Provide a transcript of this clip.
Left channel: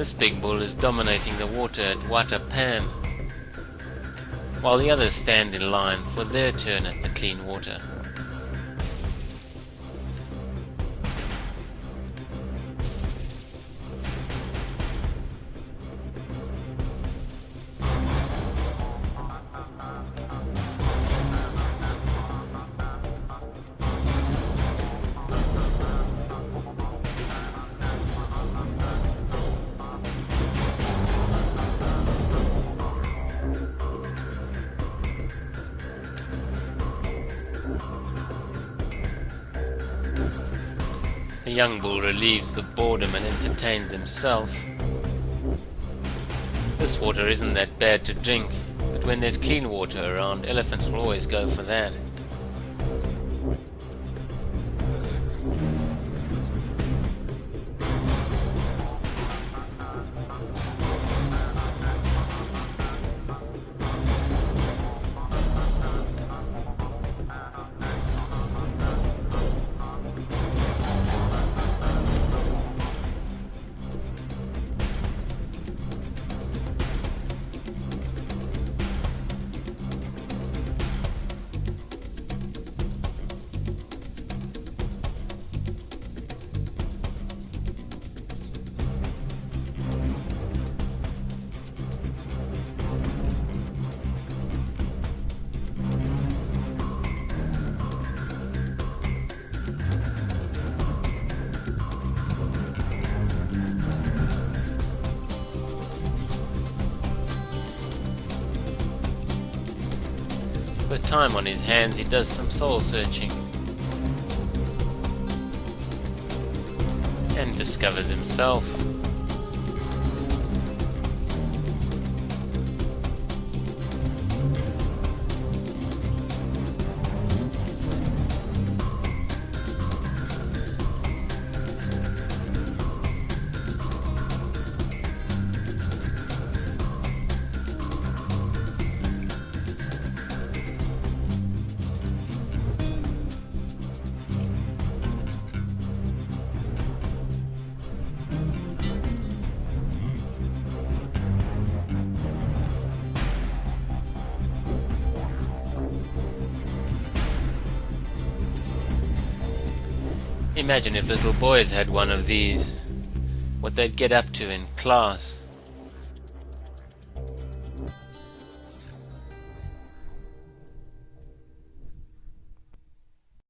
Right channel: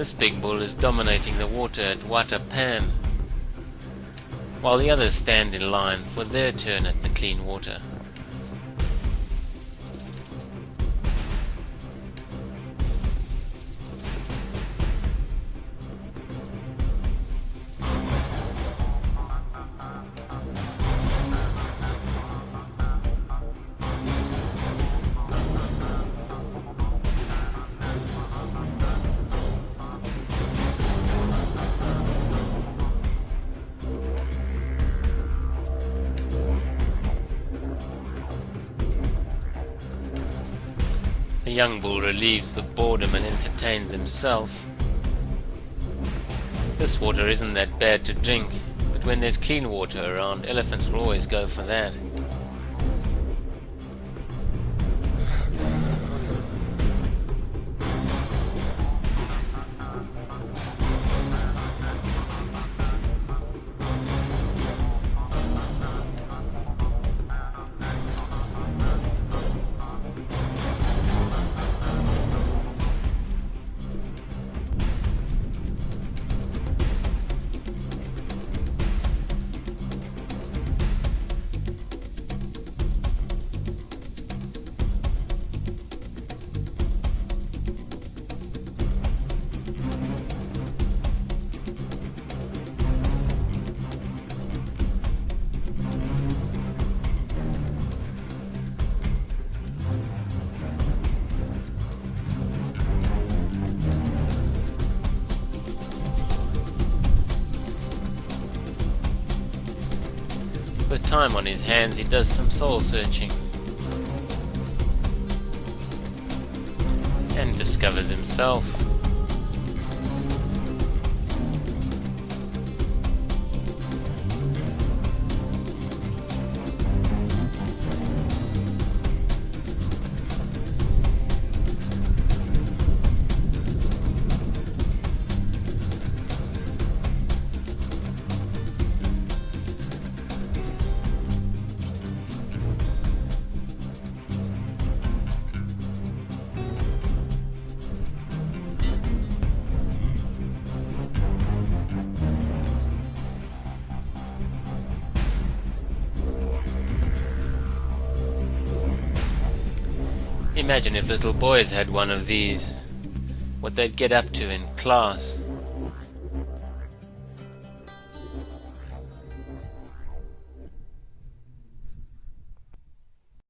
This big bull is dominating the water at Hwata pan, while the others stand in line for their turn at the clean water. The young bull relieves the boredom and entertains himself. This water isn't that bad to drink, but when there's clean water around, elephants will always go for that. With time on his hands, he does some soul searching and discovers himself. Imagine if little boys had one of these, what they'd get up to in class.